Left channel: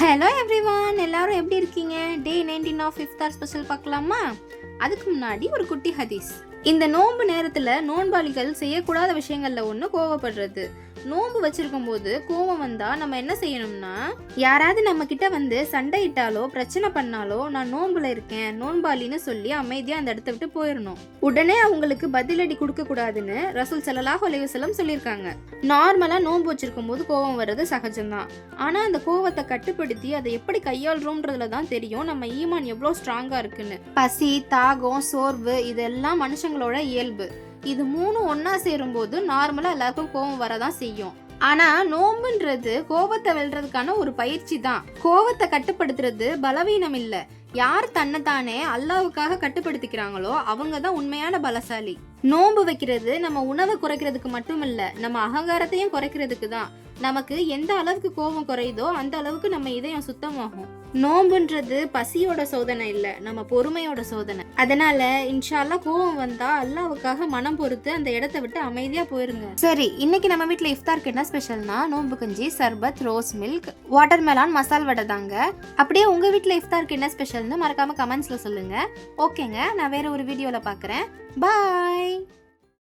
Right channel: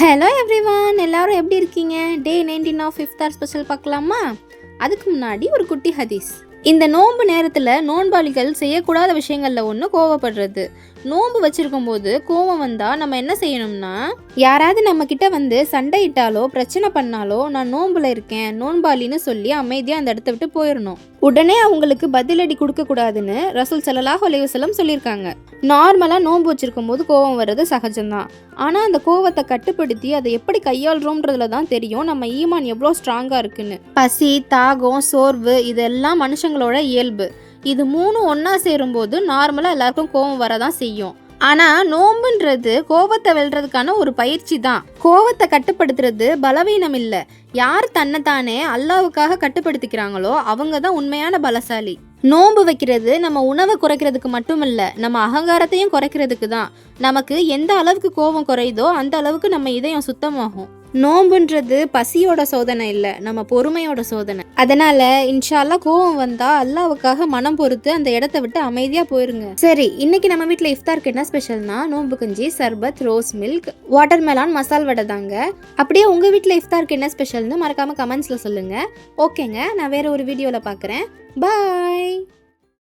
Hello everyone, எல்லாரும் எப்படி இருக்கீங்க? டே 19 ஆஃப் இஃப்தார் ஸ்பெஷல் பார்க்கலாமா? அதுக்கு முன்னாடி ஒரு குட்டி ஹதீஸ். இந்த நோன்பு நேரத்தில் நோன்பாளிகள் செய்யக்கூடாத விஷயங்களில் ஒன்று கோவப்படுறது. நோன்பு வச்சிருக்கும் போது கோவம் வந்தால் நம்ம என்ன செய்யணும்னா, யாராவது நம்ம கிட்ட வந்து சண்டையிட்டாலோ பிரச்சனை பண்ணாலோ நான் நோன்புல இருக்கேன் நோன்பாளின்னு சொல்லி அமைதியாக அந்த இடத்த விட்டு போயிடணும். உடனே அவங்களுக்கு பதிலடி கொடுக்க கூடாதுன்னு ரசூல் ஸல்லல்லாஹு அலைஹி வஸல்லம் சொல்லியிருக்காங்க. நார்மலாக நோன்பு வச்சிருக்கும் போது கோவம் வர்றது சகஜம்தான். ஆனால் அந்த கோவத்தை கட்டுப்படுத்தி அதை எப்படி கையாளுறோம்ன்றதுல தான் தெரியும் நம்ம ஈமான் எவ்வளோ ஸ்ட்ராங்காக இருக்குன்னு. பசி, தாகம், சோர்வு இதெல்லாம் மனுஷங்களோட இயல்பு. இது மூணும் ஒன்றா சேரும்போது நார்மலாக எல்லாருக்கும் கோவம் வரதான் செய்யும். ஆனால் நோம்புன்றது கோபத்தை வெல்றதுக்கான ஒரு பயிற்சி தான். கோவத்தை கட்டுப்படுத்துறது பலவீனம் இல்லை. யார் தன்னைத்தானே அல்லாவுக்காக கட்டுப்படுத்திக்கிறாங்களோ அவங்க தான் உண்மையான பலசாலி. நோன்பு வைக்கிறது நம்ம உணவை குறைக்கிறதுக்கு மட்டும் இல்லை, நம்ம அகங்காரத்தையும் குறைக்கிறதுக்கு தான். நமக்கு எந்த அளவுக்கு கோபம் குறையுதோ அந்த அளவுக்கு நம்ம இதயம் சுத்தமாகும். நோம்புன்றது பசியோட சோதனை இல்லை, நம்ம பொறுமையோட சோதனை. அதனால இன்ஷா அல்லாஹ் கோவம் வந்தா அல்லாவுக்காக மனம் பொறுத்து அந்த இடத்த விட்டு அமைதியா போயிருங்க. சரி, இன்னைக்கு நம்ம வீட்டில் இஃப்தாருக்கு என்ன ஸ்பெஷல்னா நோம்பு கஞ்சி, சர்பத், ரோஸ் மில்க், வாட்டர் மெலான், மசால் வடை தாங்க. அப்படியே உங்க வீட்டில் இஃப்தாருக்கு என்ன ஸ்பெஷல்னு மறக்காம கமெண்ட்ஸ்ல சொல்லுங்க. ஓகேங்க, நான் வேற ஒரு வீடியோல பார்க்குறேன். பாய்.